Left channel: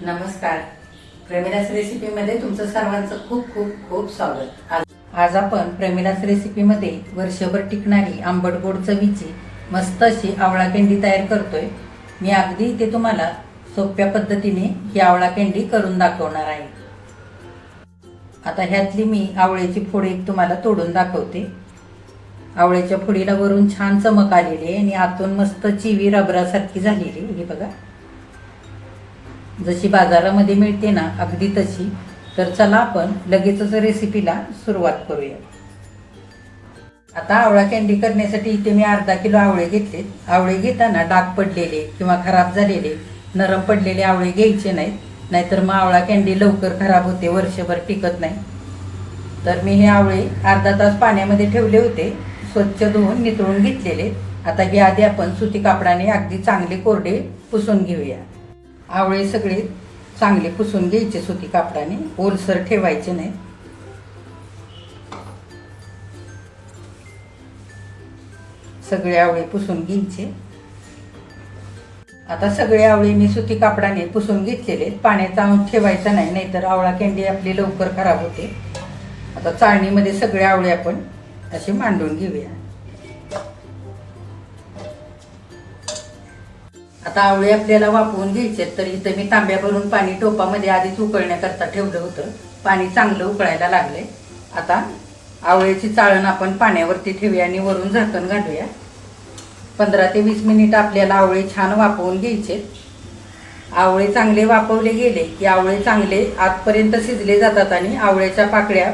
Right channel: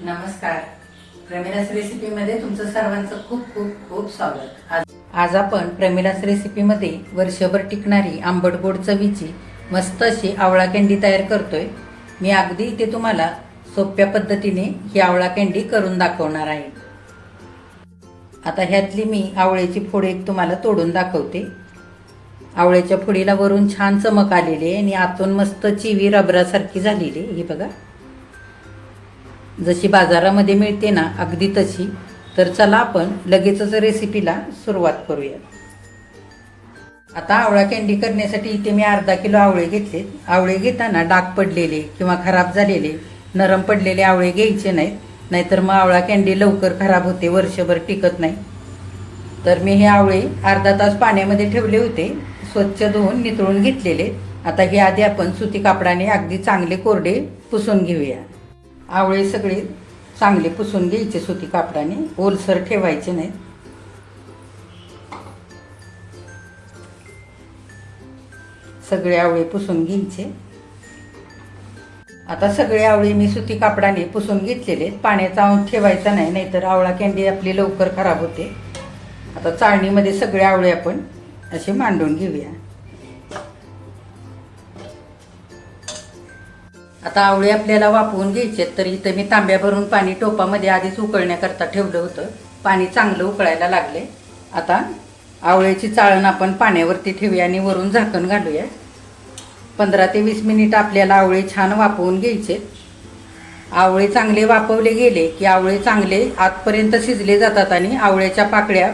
नमस्कार. प्रमिलास रेसिपीमध्ये तुमचं सर्वांचं खूप खूप खूप स्वागत. आज आज आपण प्रेमिलास रेसिपीमध्ये वर्षभर टिकणारी आंबट गोड चवीची मस्त अशी आवळा कँडी तयार करतोय. मी अगदी इथे तुम्हाला सोप्या पद्धतीने ही आवळा कँडी करून दाखवणार आहे. आता ह्यातली मी आवळ्याची फोड एक तुम्हाला तोडून दाखवते. आवळ्याच्या फोडीला वरून छान चमक आलेली आहे आणि आतून मस्त चिवी रबरासारखी झालेली आहे. हे बघा. जशी बाजारामध्ये मिळते ना अगदी तशी तर चला आपण लगेचच रेसिपीला सुरुवात करूया. आता आवळा कॅन्डी करण्यासाठी इथे मी अर्धा किलो आवळे घेतलेत. आवळे घेताना डाग पडलेले किंवा खराब झालेले नरम पडलेले आवळे घ्यायचे नाहीत. नाहीतर मग आवळा कॅन्डी लवकर खराब होते वर्षभर टिकत नाही. तर मी हे आवळे अर्धा तास पाण्यामध्ये ठेवले होते. स्वच्छ धुवून नितळून घेतलेले. आता हे आधी आपण सुती कापडाने अगदी चांगले कोरडे पुसून घेऊया. आवळे सगळे चांगले पुसून घ्यायचे सुती कापडाने. ओलसर ठेवायचे नाही सगळे आवळे पुसून घ्यायचे. आता सगळे आवळे मी सुती कापडाने पुसून घेतलेले आहेत. पाण्याचा अंश ठेवायचा नाही नाहीतर आवळा कॅन्डी आपली लवकर खराब होते. आता चाळणीमध्ये सगळे आवळे आपण असे मांडून घेऊया. आता आवळे आपल्याला वापरून घ्यायचे आहेत, तर इथं मी तांब्या भरून पाणी टोपामध्ये आधीच उकळण्याकरता ठेवलं होतं. पाणी चांगलं उकळायला लागले आता आवळ्याची चाळण आपण पाण्यावरती ठेवूया आणि वरून झाकण घालूया. पंधरा ते वीस मिनिट आपल्याला आवळे छान वापरून घ्यायचे आवळे चांगले वापवले गेले की आवळे चांगले आतपर्यंत शिजले जातात आणि आवळ्याच्या पाकळ्या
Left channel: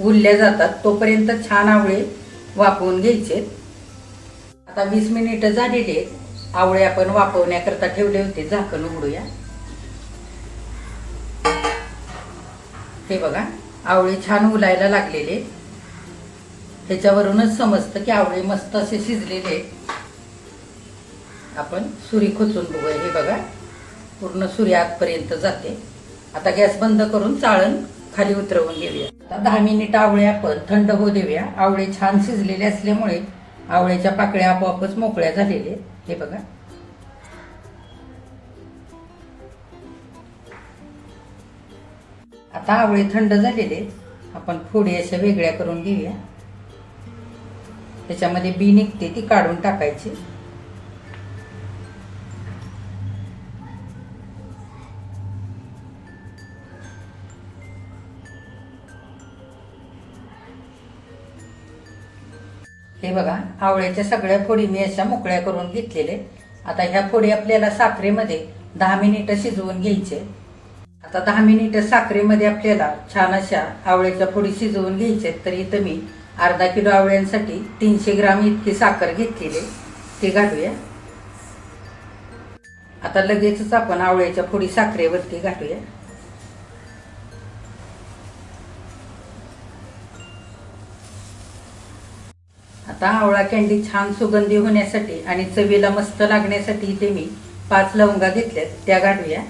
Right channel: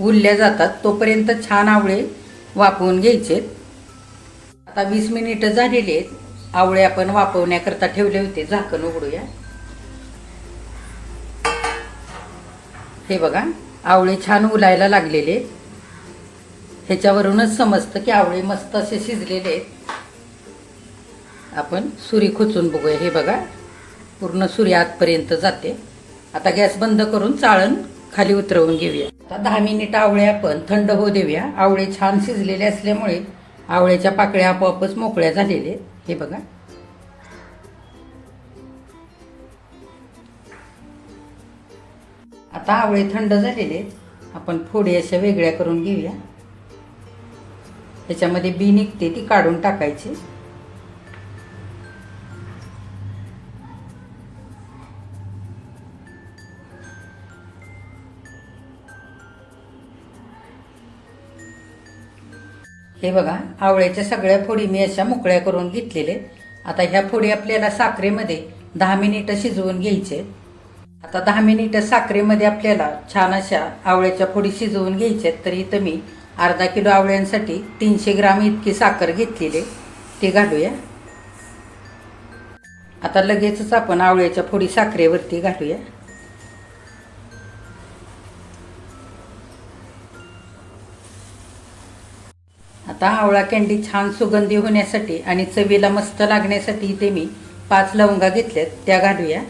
उरल्या जातात. तोपर्यंत छान आवळे वापवून घ्यायचे आता वीस मिनिटं झालेली आहेत. आवळे आपण वापरण्याकरता ठेवले होते. झाकण उघडूया. हे बघा आवळे छान उलायला लागलेले. ह्याच्यावरूनच समजतं की आवळे मस्त असे शिजलेले आहेत. आपण सुरी खोचून बघूया. हे बघा पूर्ण सुरी आतपर्यंत जाते. आता गॅस बंद करून चाळण खाली उतरवून घेऊया. आता दहा मिनिट आवळे आपण थंड होऊ देऊया. आवळे छान शिजलेले असल्यामुळे आवळ्याच्या पाकळ्या आपोआपच मोकळ्या झालेले आहेत. हे बघा. आता आवळे थंड झालेले आपण फोडी अशा वेगळ्या करून घेऊया. त्याच्यामध्ये बी निघते ती काढून टाकायची. हे बघा आवळ्याच्या सगळ्या फोडी मी अशा मोकळ्या करून घेतलेले. आता ह्या फोडी आपल्याला साखरेमध्ये दहा मिनिटं शिजवून घ्यायचे. आता दहा मिनिटं साखरेमध्ये आपल्याला छान अशा आवळ्याच्या फोडी शिजवून घ्यायच्या तर इथं मी अर्धा किलो आवळ्यांसाठी तीनशे ग्राम इतकी साखर घेतलेली ती घालूया. आता लगेचच आपण आवळ्याच्या फोडी साखरेवरती घालूया. आता आवळा कॅन्डी छान सुगंधी होण्यासाठी आणि चवीला मस्त लागण्यासाठी इथे मी पाच लवंगा घेतल्यात. त्या घालूया.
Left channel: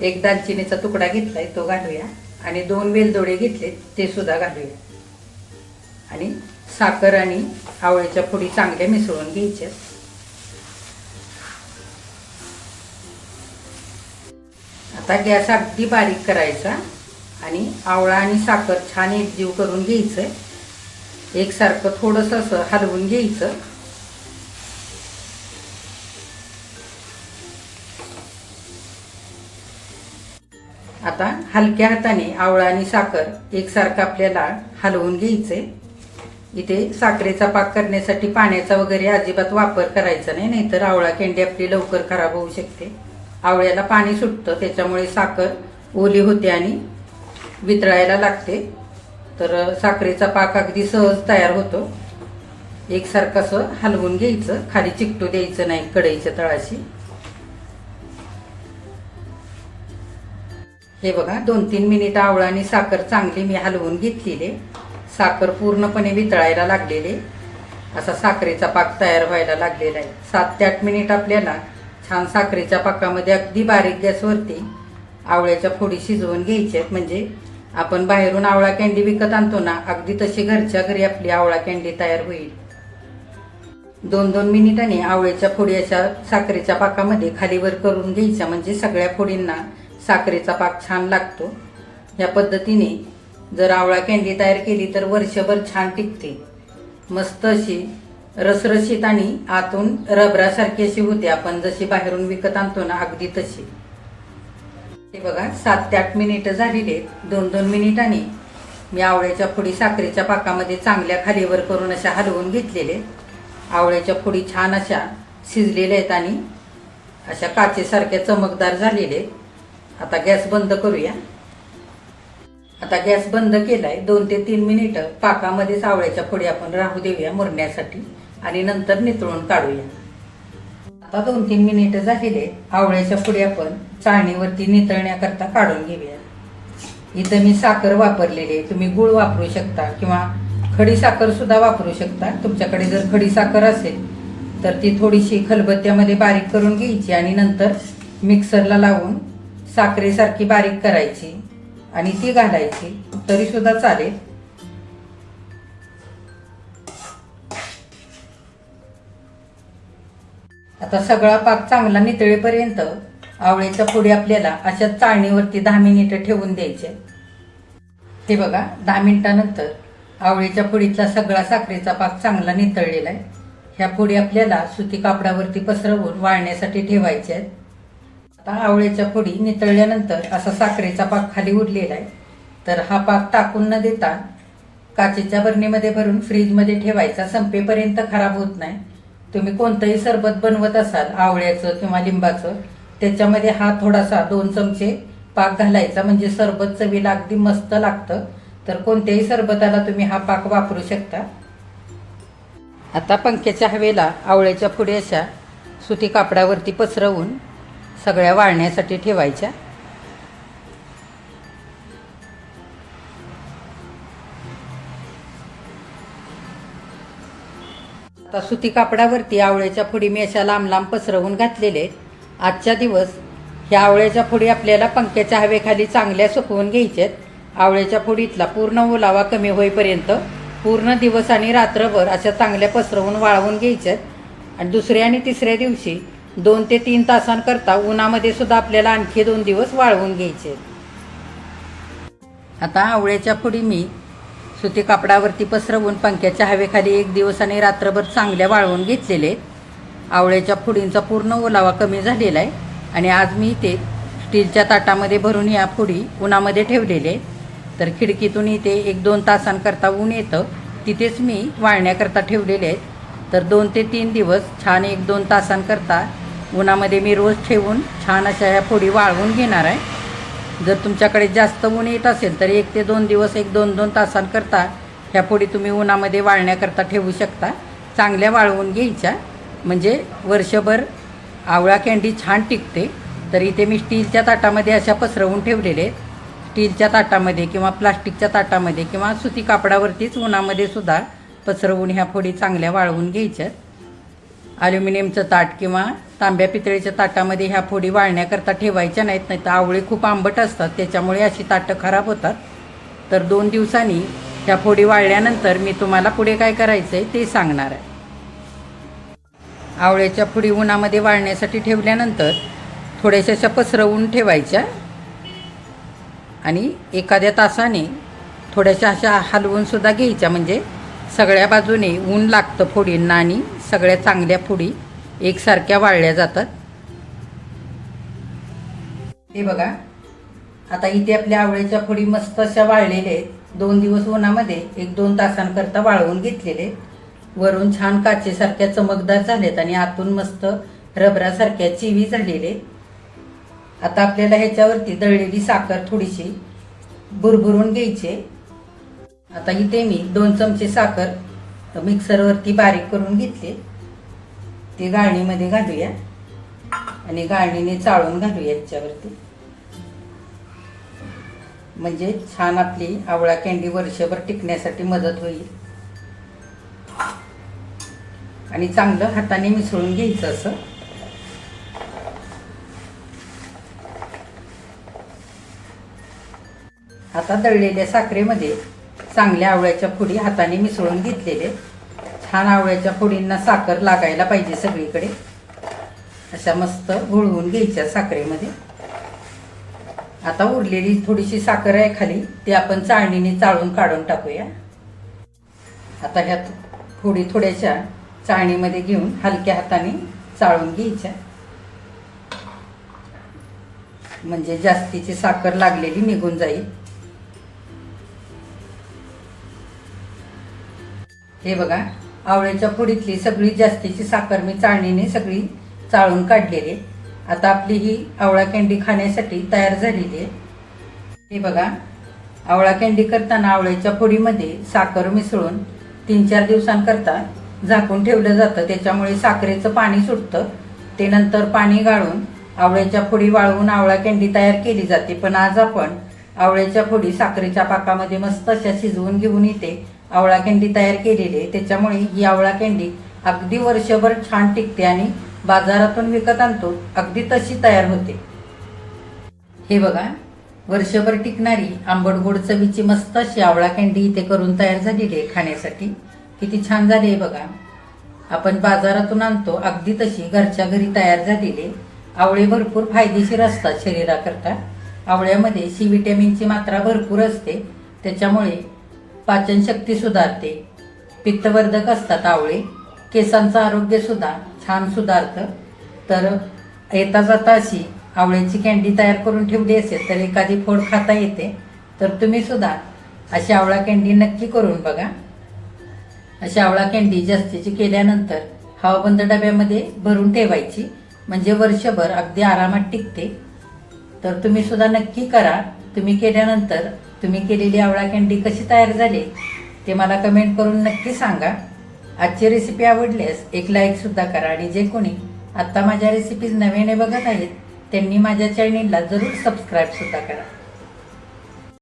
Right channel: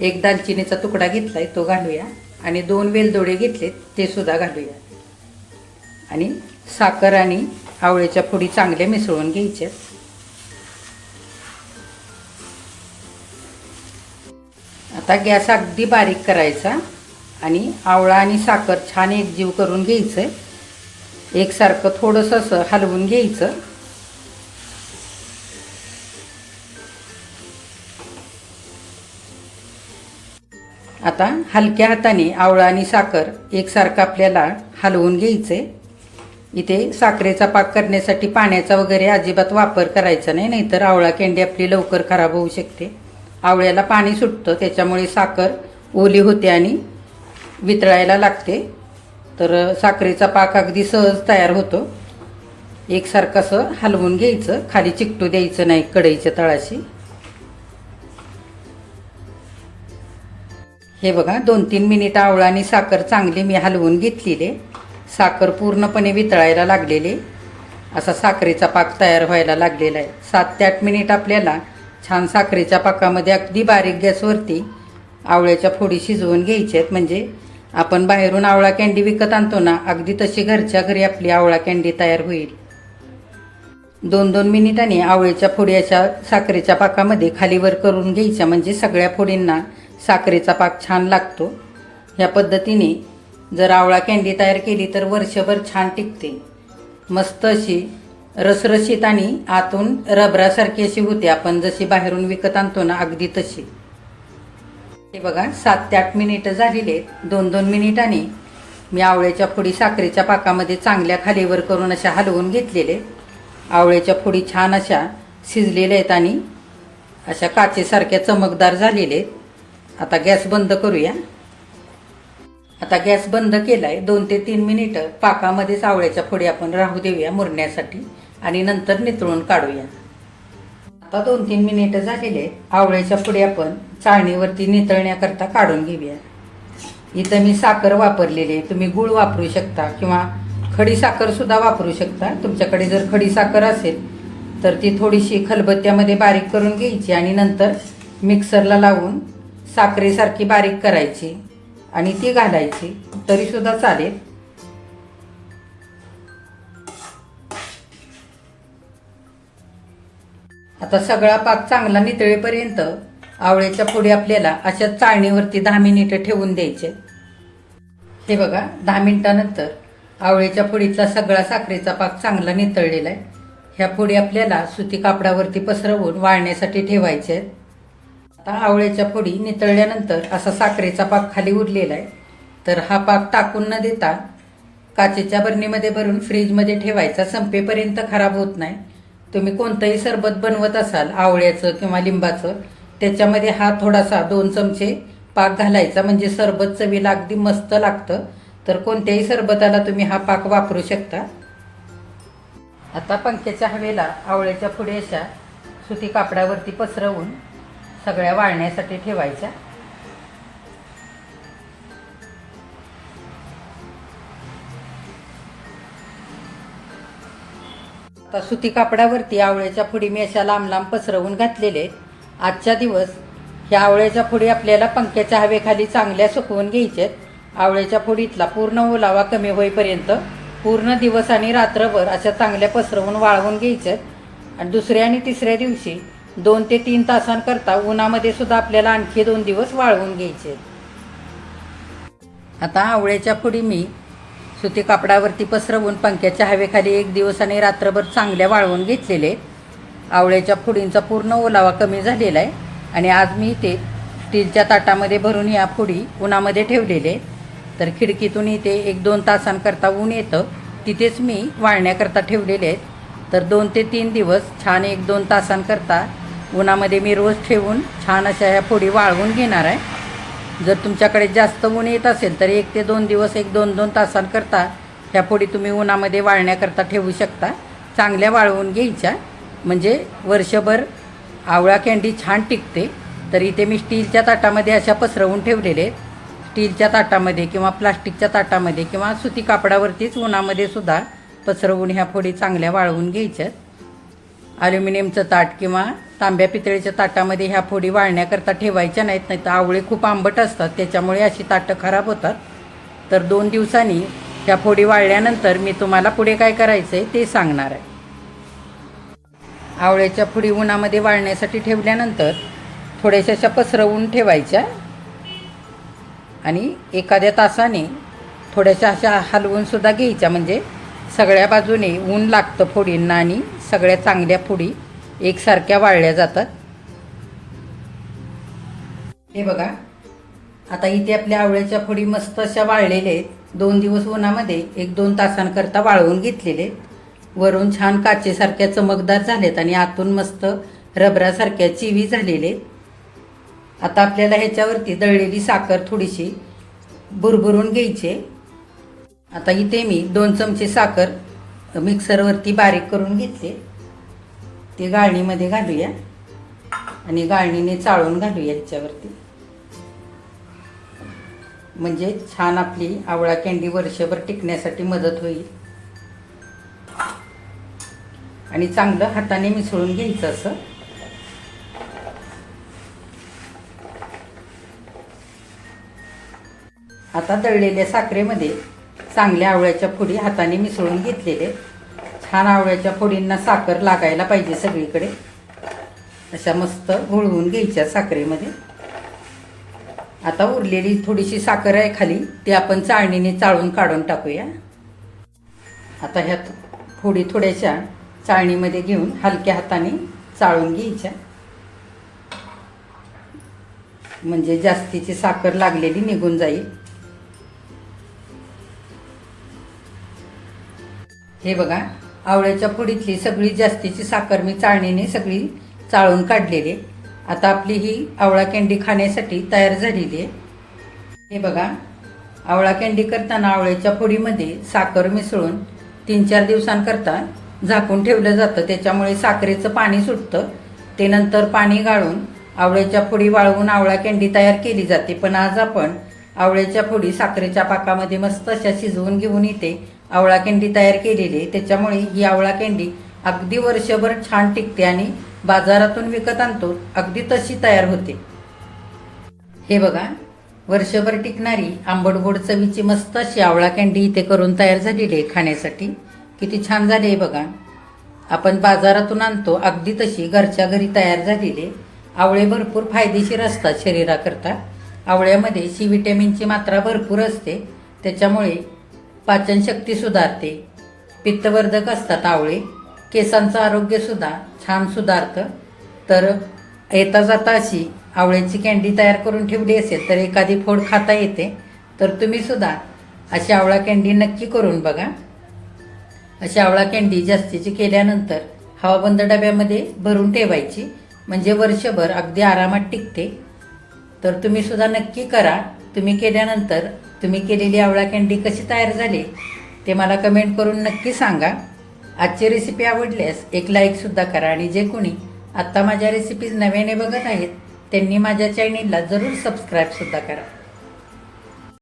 एक दालचिनीचा तुकडा घेतलाय तो घालूया. आणि दोन वेलदोडे घेतलेत ते सुद्धा घालूया. आणि साखर आणि आवळ्याच्या फोडी चांगल्या मिसळून घ्यायच्यात आता गॅस अगदी बारीक करायचा आणि आवळा आणि साखर छान एकजीव करून घ्यायचं. एकसारखं थोडंसं असं हलवून घ्यायचं. आता हलक्या हाताने आवळा आणि साखर एकसारखं आपल्याला हलवून घ्यायचे. इथे साखरेचा पाक करण्यासाठी पाण्याचा वगैरे अजिबात वापर करायचा नाही नाहीतर आवळा कँडी आपली लवकर खराब होऊ शकते. आवळ्याला पाणी सुटतं त्याच्यामुळे साखर ओली होते आणि वितळायला लागते. तर साखरेचा पाक अगदी सहज तयार होतो. एकसारखं असं हलवून घ्यायचं. खाली चिकटू द्यायचं नाही कढईच्या तळाशी. हे बघा दोन तीन मिनिट आवळा आणि साखर चांगली मी हलवून घेतलेले साखर पूर्णपणे वितळायला लागलेले असा साखरेचा पाक तयार व्हायला लागलेला आहे. सात ते आठ मिनिट आपल्याला छान साखरेच्या पाकामध्ये अगदी बारीक गॅसवरती आवळ्याच्या फोडी शिजवून घ्यायच्या आहेत. म्हणजे आपण बाहेरून आवळा कॅन्डी विकत आणतो ना अगदी तशी घरच्या घरी आपली आवळा कॅन्डी तयार होईल. दोन दोन मिनिटांनी आवळ्याच्या फोडी अशा साखरेच्या पाकामध्ये खालीवर करून घ्यायच्या म्हणजे सगळ्या फोडींना साखरेचा पाक छान लागतो. ह्या पद्धतीने जर आवळा कॅन्डी तयार केली तर वर्षभर छान टिकते. मस्त अशी रसरशीत आणि आतून रबरासारखी अशी होते. आपण जशी बाहेरून विकत आणतो ना अगदी तशी. हे बघा सात ते आठ मिनिटं झालेली आहेत. दोन दोन मिनिटांनी मी आवळ्याच्या फोडी साखरेच्या पाकामध्ये चांगल्या खालीवर करून अशा हलवून घेतलेले. आवळ्याच्या फोडी छान अशा शिजलेल्या आहेत आणि अशा काचेसारख्या चमकदार झालेले आहेत. आता गॅस बंद करूया. आता गॅस बंद केलाय. दोन ते तीन मिनिटं पाकामध्येच आवळ्याच्या फोडी आपण राहू देऊया मुरण्यासाठी आणि नंतर नितळून काढूया. आता दोन तीन मिनिटं झालेले आवळ्याच्या पुढे आपण चाळणीवरती नितळण्याकरता काढून घेऊया. इथं मी साखर वापरलेली आहे. तुम्ही गुळ वापरू शकता किंवा खडी साखर सुद्धा वापरू शकता. तुमच्याकडे जर खडी साखर असेल तर ती थोडीशी खलबत्त्यामध्ये बारीक करून घ्यायची आणि नंतर मिक्सरला लावून साखरेसारखी बारीक करायची आणि ती घालायची. तरीसुद्धा चालेल. आता सगळा पाक चांगला नितळेपर्यंत आवळ्याच्या पुढे आपल्याला अशा चाळणीवरती दहा मिनिटं ठेवून द्यायचे. हे बघा दहा मिनिटानंतर आवळ्याच्या पुडीतला सगळा साखरेचा पाक चांगला नितळलेला आहे ह्या पुडी आपल्याला सुती कापडावरती पसरवून वाळण्यासाठी ठेवायचे आहेत. आता आवळ्याच्या पुडी नितळल्यानंतर असा साखरेचा पाक खाली उरलेला आहे तर हा पाक टाकून न देता काचेच्या बरणीमध्ये भरून फ्रीजमध्ये ठेवायचा. संपेपर्यंत खराब होत नाही. तुम्ही कोणतंही सरबत बनवत असाल आवळ्याचं किंवा लिंबाचं त्याच्यामध्ये हा थोडासा दोन चमचे पाक घालायचा. म्हणजे सरबत चवीला अगदी मस्त लागतं. तर कोणत्याही सरबताला तुम्ही हा पाक वापरू शकता. आता पंख्याच्या हवेला आवळ्याच्या पुढे अशा सुती कापडावरती पसरवून सगळ्या वाळण्यासाठी ठेवायच्या. आता सुती कापडावरती आवळ्याच्या फुडी मी अशा लांब लांब पसरवून घातलेले आहेत. आजच्या दिवस ह्या आवळ्याच्या फुडी आपल्याला पंख्याच्या हवेखाली चांगल्या सुकवून घ्यायच्यात आवळ्याच्या फुडीतला पूर्ण ओलावा कमी होईपर्यंत पूर्ण दिवस आणि रात्रभर अशा चांगल्या पसरवून वाळवून घ्यायच्यात आणि दुसऱ्या आणि तिसऱ्या दिवशी दोन ते तीन तासांकरता उन्हामध्ये सुद्धा आपल्याला आणखी दोन दिवस वाळवून घ्यायचे आहेत. आता आवळ्याच्या फुडी मी सुती कापडावरती पसरवून पंख्याच्या हवेखाली एक दिवस आणि रात्रभर चांगल्या वाळवून घेतलेले. आहेत आवळ्याच्या फुडींचा पूर्ण ओलावा कमी झालेला आहे. आणि आज मी ते स्टीलच्या ताटामध्ये भरून या फुडी उन्हामध्ये ठेवलेले. तर खिडकीतून इथे एक दोन तासांकरता ऊन येतं. तिथेच मी वाळण्याकरता ठेवलेले आहेत. तर दोन ते तीन दिवस छान एक दोन तासांकरता उन्हामध्ये मी रोज ठेवून छान अशा ह्या फोडी वाळवून घेणार आहे. जर तुमच्याकडे जास्त ऊन येत असेल तर एक ते दोन दिवस एक दोन दोन तासांकरता ह्या पुढी तुम्ही उन्हामध्ये वाळण्याकरता ठेवू शकता. चांगल्या वाळवून घ्यायच्या. म्हणजे वर्षभर आवळा कॅन्डी छान टिकते. तर इथे मी स्टीलच्या ताटामध्ये अशा पसरवून ठेवलेले आहेत. स्टीलच्या ताटामध्ये किंवा प्लास्टिकच्या ताटामध्ये किंवा सुती कापडावरतीच उन्हामध्ये सुद्धा पसरवून ह्या फोडी चांगल्या वाळवून घ्यायच्यात. अल्युमिनियमचं ताट किंवा तांब्या पितळीच्या ताटामध्ये ह्या फोडी वाळण्याकरता ठेवायच्या नाहीत नाही तर आवळे खूप आंबट असतात. त्याच्यामुळे अशी ताटं खराब होतात. तर दोन दिवसांनी ह्या फोडी वाळल्यानंतर मी तुम्हाला पुढे काय करायचं आहे ते सांगणार आहे. आवळ्याच्या फुडी उन्हामध्ये वाळण्यासाठी ठेवल्यानंतर थोड्याशा अशा पसरवून ठेवायच्या. आणि एखाद्या तासाने थोड्याशा अशा हलवूनसुद्धा घ्यायच्या. म्हणजे सगळ्या बाजूने ऊन लागतं फोडींना आणि सगळ्या चांगल्या पुडी एकसारख्या वाळल्या जातात. हे बघा आता इथे आपल्या आवळ्याच्या फोडी मस्त अशा वाळलेल्या आहेत. दोन दिवस उन्हामध्ये एक दोन तासांकरता वाळवून घेतलेले वरून छान काचेसारख्या चमकदार झालेत आणि आतून मस्त रबरासारख्या चिवी झालेले आता आपल्याला ह्याच्यावरती दळलेली साखर थोडीशी भुरभुरून घ्यायची आता इथे मी दोन चमचे साखर मिक्सरवरती बारीक करून घेतले. ते गाळणीमध्ये घालूया. आणि गाळणीने चाळून घालूया याच्यावरती. म्हणजे छान आपली आवळा कँडी वर्षभर टिकण्यासाठी मदत होईल. आणि चांगलं हाताने मिसळून घ्यायचं असं. आता दळलेल्या साखरेमध्ये चांगल्या आवळ्याच्या फोडी हाताने मिसळून घेतलेले. छान आवळ्याच्या फोडींना साखर लागायला पाहिजे सगळीकडे. अशा मस्त घोळवून घ्यायच्या साखरेमध्ये. आता उरलेली थोडीशी साखर आहे खाली. ती आपण चाळणीने चाळून काढून टाकूया. आता ह्या फोडी थोड्याशा चाळणीमध्ये घेऊन हलक्या हाताने चाळून घ्यायच्या. म्हणजे जास्तीची साखर लागलेली निघून जाईल. हे बघा आवळ्याच्या पुडीतली सगळी जास्तीची साखर मी चाळणीने सगळी चाळून काढलेली आहे. आता आपली ही आवळा कँडी खाण्यासाठी तयार झालेली आहे. हे बघा आवळा कँडी करताना आवळ्याच्या पुडीमध्ये साखर मिसळून तीन चार दिवसांकरता झाकून ठेवलं जातं. त्याच्यामुळे साखरेचं पाणी सुटतं. ते नंतर पाणी गाळून आवळ्याच्या फोडी वाळवून आवळा कँडी तयार केली जाते. पण आज आपण आवळ्याच्या फोडी साखरेच्या पाकामध्ये मस्त अशा शिजवून घेऊन येते आवळा कँडी तयार केलेली आहे. त्याच्यामुळे ही आवळा कँडी अगदी वर्षभर छान टिकते आणि बाजारातून विकत आणतो. अगदी तशी तयार होते. हे बघा वर्षभर टिकणारी आंबट गोड चवीची मस्त अशी आवळा कँडी इथे करून तयार झालेली आहे खाण्यासाठी. किती छान झाली आहे बघा. आपण बाजारातून आणतो अगदी तशी घरच्या घरी तयार झालेली आहे. आवळे भरपूर फायदेशीर असतात शरीराकरता. आवळ्यामध्ये सी व्हिटॅमिनची मात्रा भरपूर असते. त्याच्यामुळे पाचनशक्ती सुधारते. पित्तवर्धक असतात आवळे. केसांचं आरोग्यसुद्धा छान सुधारतं. तर येता जाता अशी आवळ्याची कॅन्डी तयार करून ठेवली असेल तर एखादी फोड खाता येते. तर तुम्ही सुद्धा अशी आवळा कॅन्डी नक्की करून बघा. अशी आवळा कॅन्डी जास्तीची केल्यानंतर हवाबंद डब्यामध्ये भरून ठेवायची. म्हणजे वर्षभर अगदी आरामात टिकते. तर तुम्ही सुद्धा नक्की करा. तुम्ही केल्यानंतर तुम्ही केलेली आवळा कँडी कशी तयार झाली ते मला कमेंट करून नक्की सांगा. आजची रेसिपी आवडल्यास एक लाईक सुद्धा करा आणि जे कोणी आत्ता माझ्या रेसिपीज नव्याने बघत आहेत त्यांनी माझ्या चॅनेलला जरूर सबस्क्राईब सुद्धा करा.